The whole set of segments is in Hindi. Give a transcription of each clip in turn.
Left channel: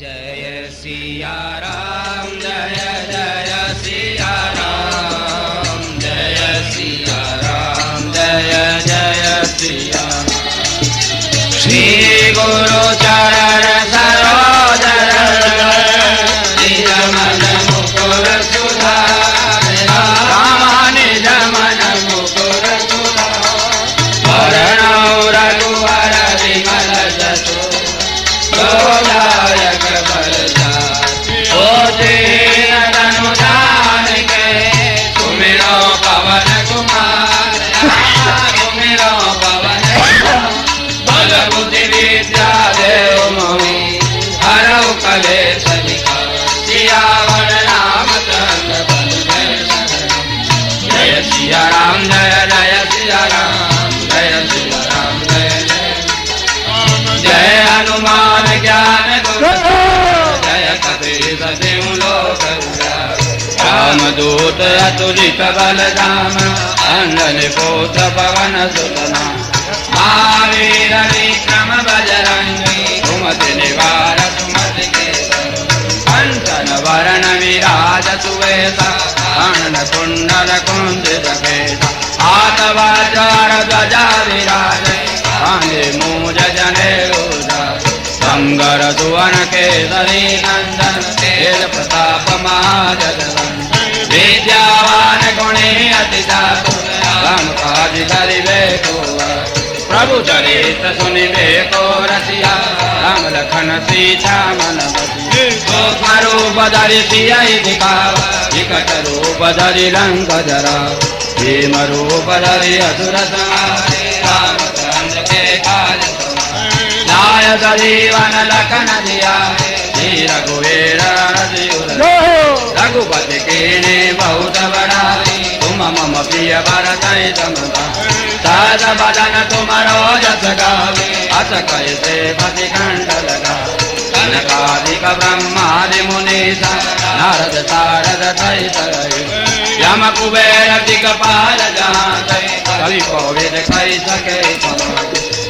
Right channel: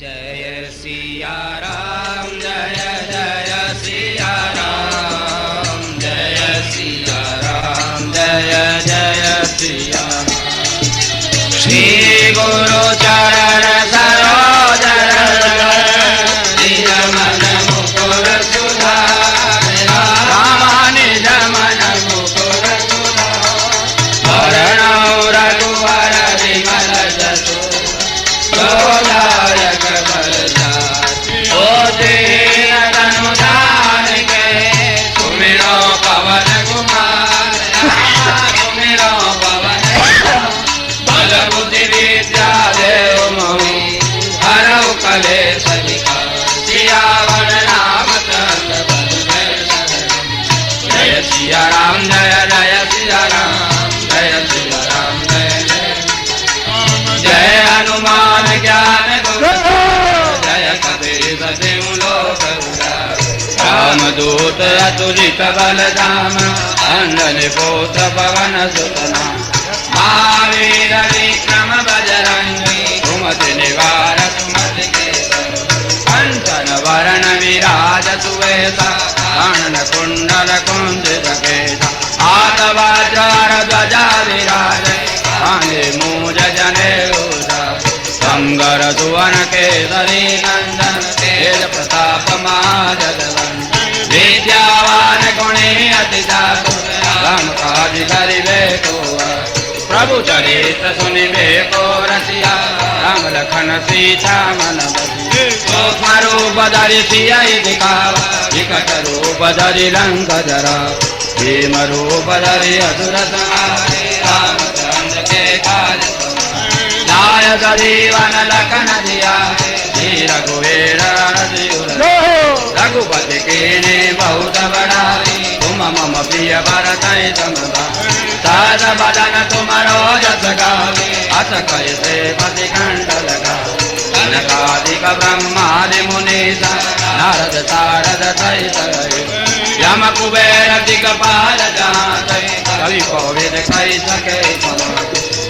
जय सिया राम जय जय सिया राम जय सिया राम जय जय सिया राम। श्री गुरु चरण सरोज निज मन मुकुर सुधार राम निज मन मुकुर सुधार रघुवर विमल जसु प्रदायक अनुदान के सुमिरो पवन कुमार सुमिरो पवन बल बुद्धि विद्या देव मोहि हरौ कलेश सियावर रामचंद्र जय सिया राम जय जय सिया राम जय सिया राम जय जय जय हनुमान ज्ञान जय कपीश तिहु लोक रामदूत अतुलित बल धाम अंजनी पुत्र पवन सुत नाम महावीर विक्रम बजरंगी सुमति निवार सुमति के कंचन वरण विराज सुवेशा कानन कुंडल कुंजित केशा हाथ वज्र ध्वजा विराज कांधे मूज जनेऊ संगर सुवन केसरी नंदन तेज प्रताप महाजगवंदन विद्यावान गुणी अति चातुर राम काज करिबे को प्रभु चरित्र सुनिबे को रसिया राम लखन सीता मन बसिया सूक्ष्म रूप धरि सियहि दिखावा विकट रूप धरि लंक जरा भीम रूप धरि असुर संहारे रामचंद्र के काज नायक जीवन लखन दिया रघुवीर रघुपति कीन्ही बहुत बड़ाई तुम मम प्रिय भरत सद बदन तुमरो जस गावे अस कैसे पति कंठ लगा कनकादिक ब्रह्मादि मुनीसा नारद सारद सहित यम कुबेर दिक्पाल जाते कलि कोविद कहि सके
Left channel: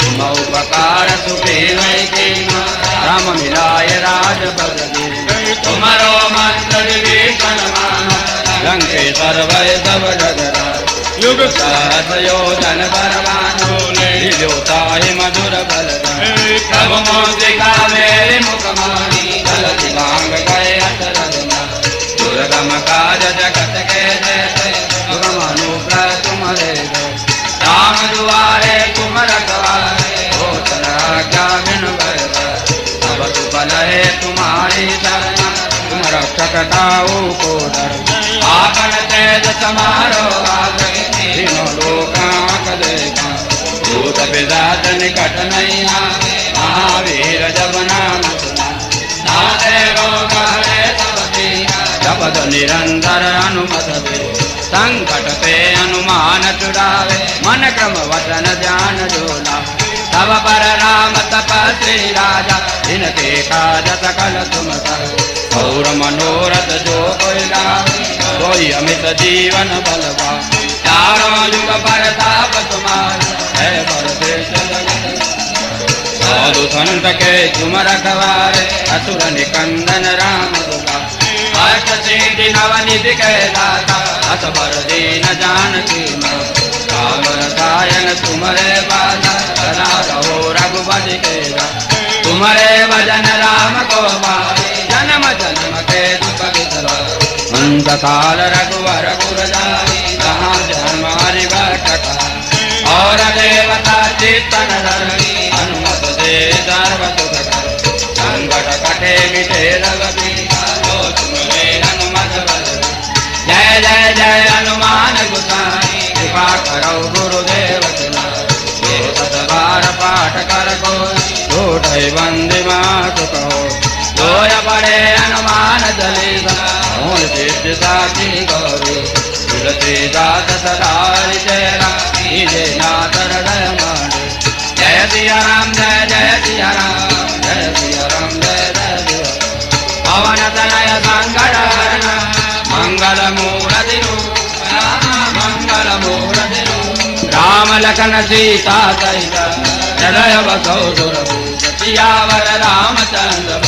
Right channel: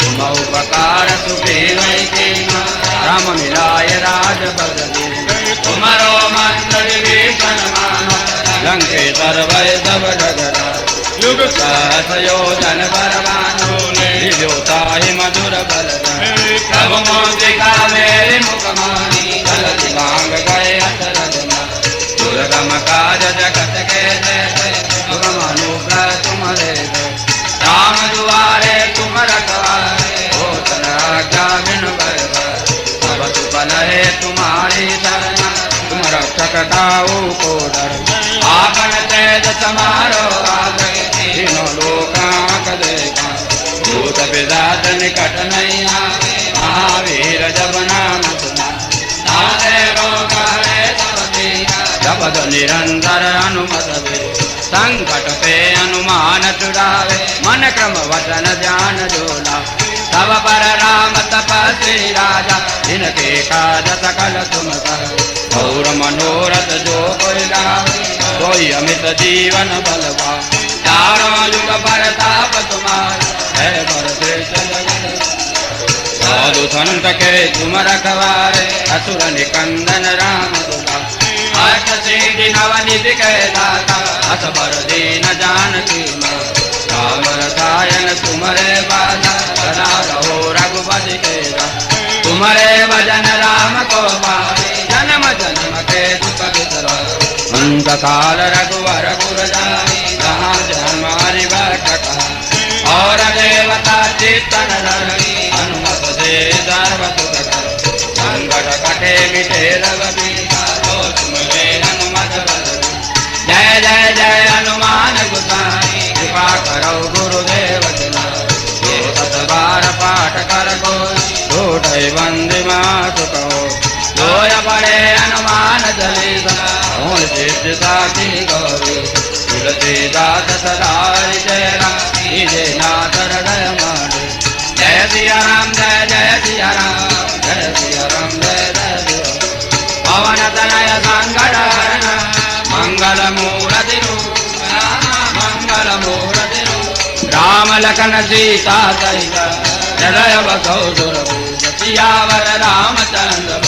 तुम उपकार सुखी नहीं राम मिलाय राज बदली तुम्हारो मंगल विष्ण मानो लंकेश्वर वैभव जगरा युग सहस योजन बलवानो जोताहि मधुर बल सब मोदिका मेरी मुखमानी गलति भांग गए अतरगमा दुर्गम काज जगत के जय सुगम अनुग्रह तुम्हारे राम दुआरे तुम रखवारे है तुम्हारी शरण तुम रक्षक ताऊ को डर आपन तेज समारो तीनों लोकांक देखा भूत पिशाच निकट नहीं महावीर जब नाम सुना नाथे रोग हरे जपद निरंतर हनुमत संकट पे हनुमान छुड़ावे मन क्रम वचन ध्यान जोला तब पर राम तपस्वी राजा इनके काज सकल तुम कर और मनोरथ जो कोई लावे कोई अमित जीवन बलवा चारों युग परताप तुम्हारा है बरसे साधु संत के तुम रखवारे असुर निकंदन राम दुला अष्ट सिद्धि नवनिधि के दाता असबर दीन जानकी मां राम रसायन तुम्हारे बाला सदा रहो रघुपति के तुम्हारे भजन राम को मारे जन्म जन्म के दुख बिसरा अंत काल रघुवर पुर जाई कहाँ हमारी बैठता और देवता चित्तन धरणी हनुमत से सर्वत संकट कटे मिटे रघुवीर तुम्हारे हनुमत बल जय जय जय हनुमान गोसाई कृपा करो गुरुदेव बार पाठ कर को छोटे बंदे मात कहो जोय बड़े हनुमान चालीसा सिद्ध साथी गौरी तुलसीदास सदा तेरा निजे नाथ हृदय मारे जय सिया राम जय जय सिया राम जय सिया राम जय जय सिया पवन तनय संकट हरण मंगल मूर्ति मंगल मूर्ति राम लखन सीता सहित हृदय बसो सुरभूत सियावर रामचंद्र